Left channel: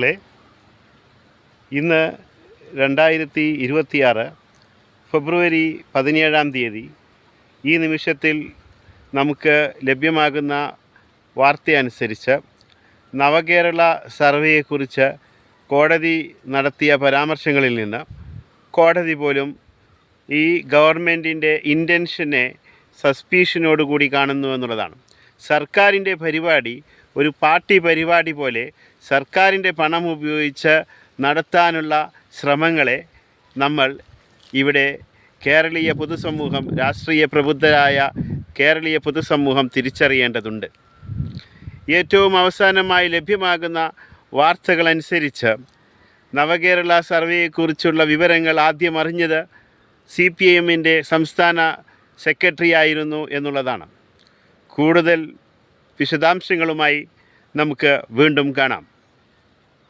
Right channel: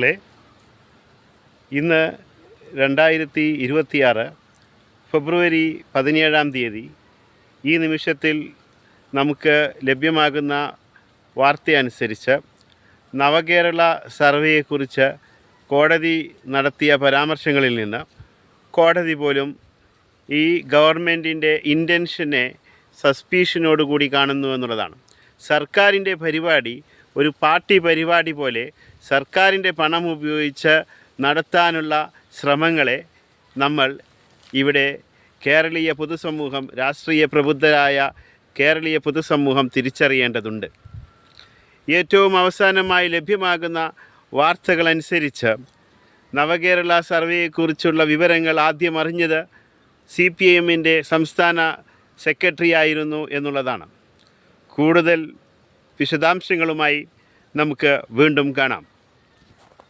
ളെ ഇന്ന് 2026 ഫെബ്രുവരി 17 ഈ നിമിഷത്തിൽ നമുക്ക് ലഭ്യമാകുന്ന വാർത്തയനുസരിച്ച് നവകേരള സർവേയെക്കുറിച്ച് കോടതി നടത്തിയ പരാമർശങ്ങളിൽ നിന്ന് കോടതി പോലും ഈ ഗവൺമെൻറ്റിൻ്റെ ഇൻറ്റൻഷനെ സസ്പീഷനോടുകൂടി കാണുന്നു എന്നുള്ളതാണ്. സർക്കാരിൻ്റെ പരിപാടി ഒരു പാർട്ടി പരിപാടി പോലെ സർക്കാരിൻ്റെ പണം ഉപയോഗിച്ച് നടത്താനുള്ള ശ്രമങ്ങളെ നമ്മൾ ഇവിടെ കേരളീയ പൊതുസമൂഹം, രാഷ്ട്രീയ പ്രബുദ്ധരായ കേരളീയ പൊതുസമൂഹം തിരിച്ചറിയേണ്ടതുണ്ട്. ഏറ്റവും അവസാനമായി ലഭ്യമാകുന്ന വാർത്തകളനുസരിച്ച് നവകേരള സർവേയെക്കുറിച്ചുള്ള വിവരങ്ങൾ ആദ്യം അറിഞ്ഞത് CPIMൻ്റെ സംസ്ഥാന സെക്രട്ടറി ആയിരുന്നു എന്നുള്ളതാണ്. കൂടുതൽ വിശദാംശങ്ങളുമായി നമുക്ക് വീണ്ടും കാണാം.